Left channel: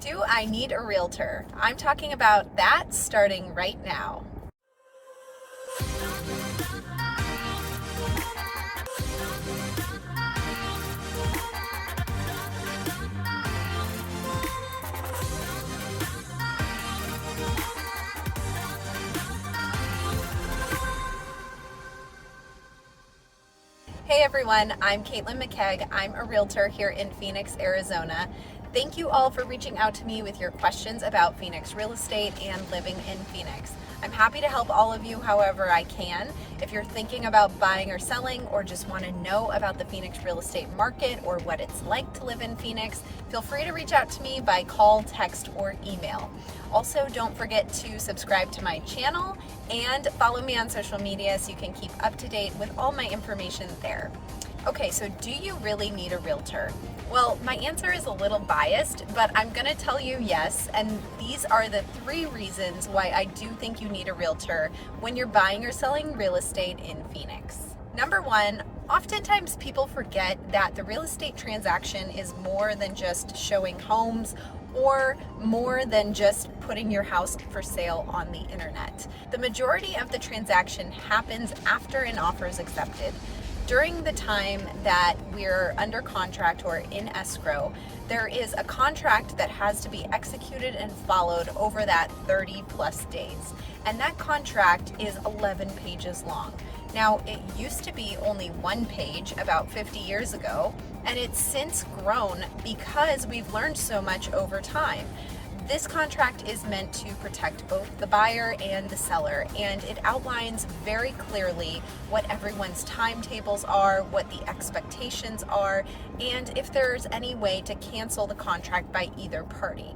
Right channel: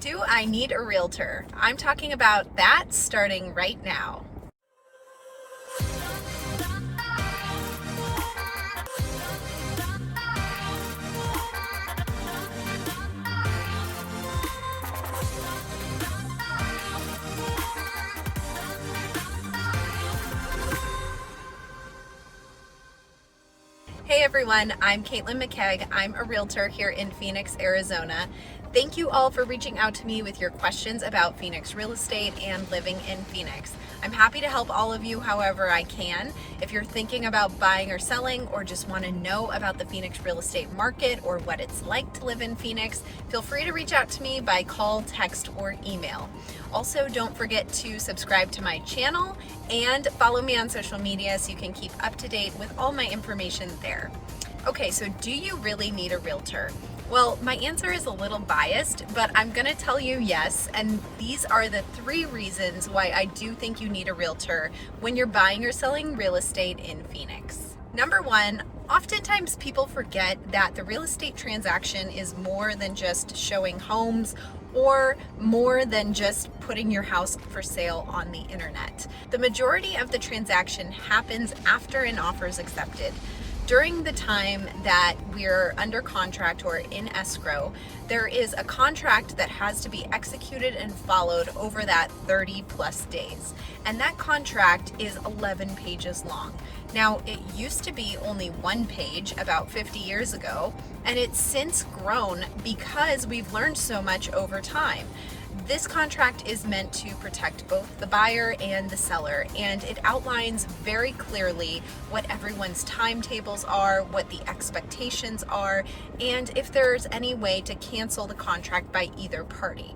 Do I need a realtor? I'm talking about that starting right now. Hey everyone, I'm Caitlin McKegg. I'm a realtor here in Phoenix, Arizona. Thank you all for reaching out to me with your questions about Phoenix real estate and living in Phoenix. I'm happy to help all of you however I can. If you're thinking about buying or selling or just want to know about the Phoenix real estate market or what it's like to live in Phoenix, feel free to reach out to me by call, text, or email. Also, don't forget to subscribe to my channel and follow me on social media so you can keep up to date with all my information there. Okay, so do you really need a realtor? Well, my answer is a little biased, but I'm gonna tell you yes, and these are the 3 reasons why I do think you need a realtor when you're buying or selling real estate in Phoenix. Number 1, oftentimes people forget that the real estate transaction is more than just showing homes or more than just putting your house for sale on the internet. The majority of the transaction happens after an offer is accepted. During the time that we're under contract or in escrow, there is a contract that has to be executed and followed over that 30 plus days. And that contract is 11 pages long. Now, it used to be only 1 page about 50 years ago, and it's since grown because we've learned so much over time. This contract is meant to protect both the buyer and the seller, and it outlines very clearly what everyone's timetables are, what the expectations are, and if there's any way to cancel the contract by either party.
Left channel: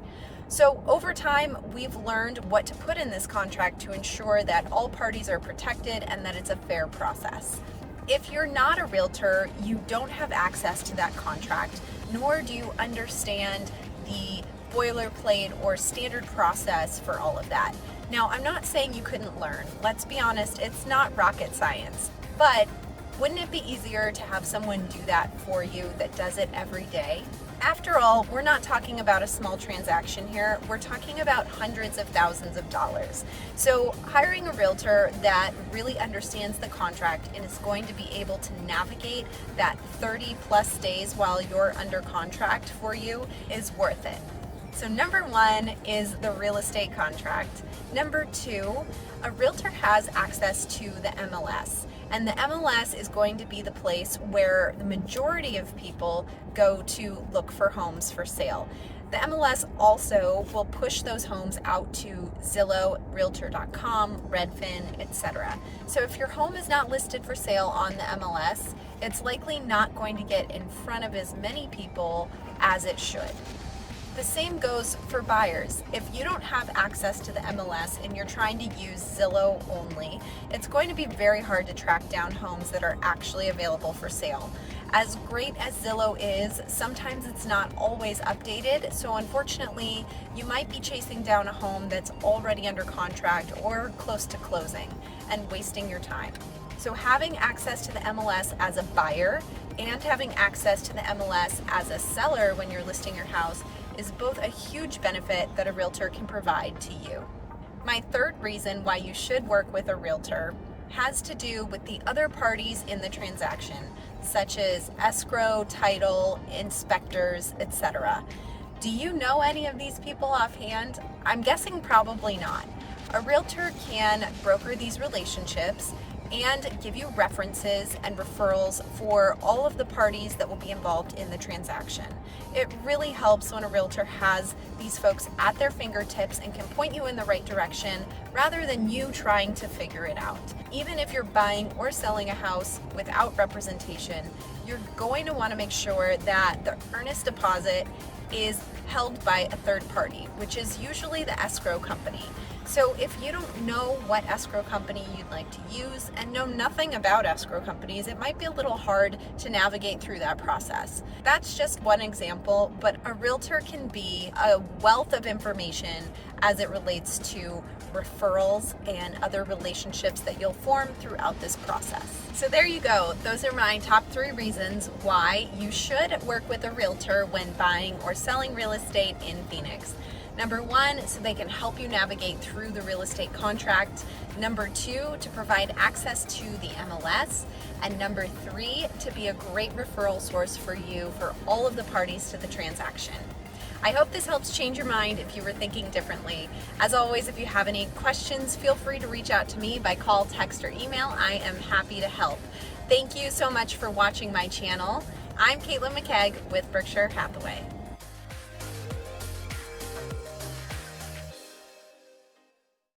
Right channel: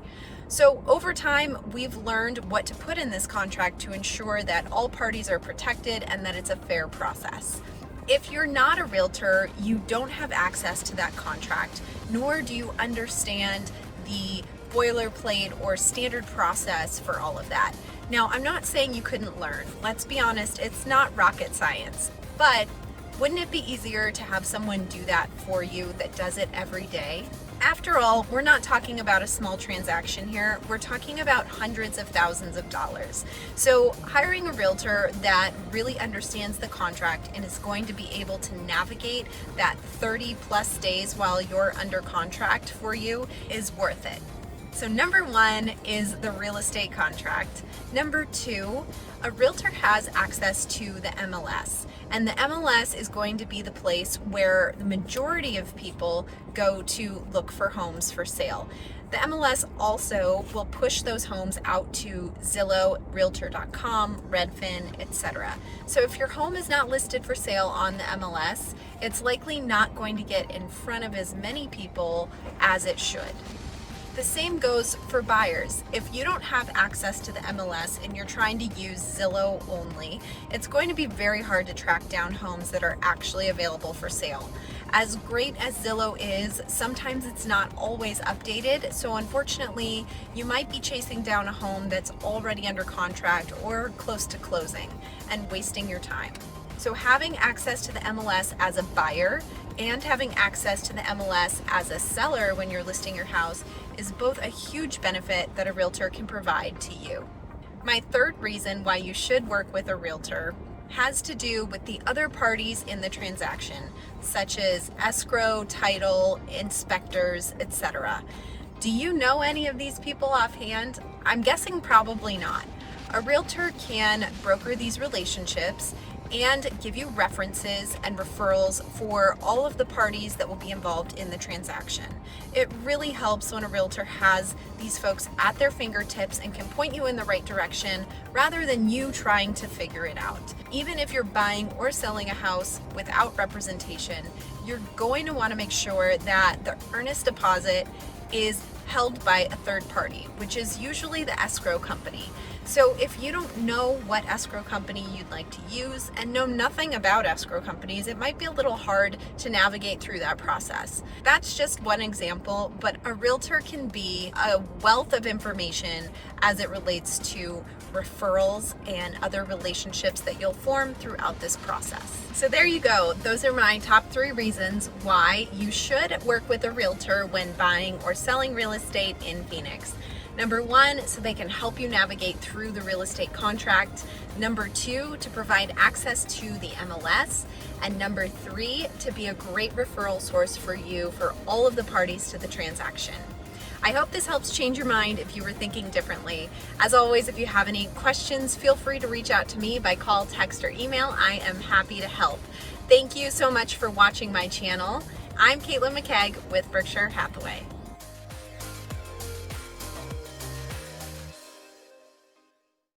So over time, we've learned what to put in this contract to ensure that all parties are protected and that it's a fair process. If you're not a realtor, you don't have access to that contract, nor do you understand the boilerplate or standard process for all of that. Now, I'm not saying you couldn't learn. Let's be honest, it's not rocket science. But wouldn't it be easier to have someone do that for you that does it every day? After all, we're not talking about a small transaction here. We're talking about hundreds of thousands of dollars. So hiring a realtor that really understands the contract and is going to be able to navigate that 30 plus days while you're under contract for you is worth it. So number 1 is the real estate contract. Number 2, a realtor has access to the MLS. And the MLS is going to be the place where the majority of people go to look for homes for sale. The MLS also will push those homes out to Zillow, Realtor.com, Redfin, etc. So if your home is not listed for sale on the MLS, it's likely not going to get in front of as many people as it should. The same goes for buyers. If you don't have access to the MLS and you're trying to use Zillow only, it's going to be very hard to track down homes that are actually available for sale. As great as Zillow is, sometimes it's not always updated, so unfortunately, you might be chasing down a home that's already under contract or close to closing and wasting your time. So having access to the MLS as a buyer and having access to the MLS as a seller when you're listing your house is both a huge benefit that a realtor can provide to you. My 3rd reason why you should work with a realtor has to do with the other parties in the transaction, such as escrow, title, inspectors, etc. Do you know any of these people offhand? I'm guessing probably not. A realtor can broker these relationships and give you references and referrals for all of the parties that will be involved in the transaction. It really helps when a realtor has these folks at their fingertips and can point you in the right direction rather than you trying to figure it out. Even if you're buying or selling a house without representation, you're going to want to make sure that the earnest deposit is held by a third party, which is usually the escrow company. So if you don't know what escrow company you'd like to use and know nothing about escrow companies, it might be a little hard to navigate through that process. That's just one example, but a realtor can be a wealth of information as it relates to referrals and other relationships that you'll form throughout this process. So there you go. Those are my top 3 reasons why you should work with a realtor when buying or selling real estate in Phoenix. Number one, so they can help you navigate through the real estate contract. Number two, to provide access to the MLS. And number three, to be a great referral source for you for all of the parties to the transaction. I hope this helps change your mind if you were thinking differently. As always, if you have any questions, feel free to reach out to me by call, text, or email. I am happy to help. Thank you so much for watching my channel. I'm Caitlin McKegg with Berkshire Hathaway.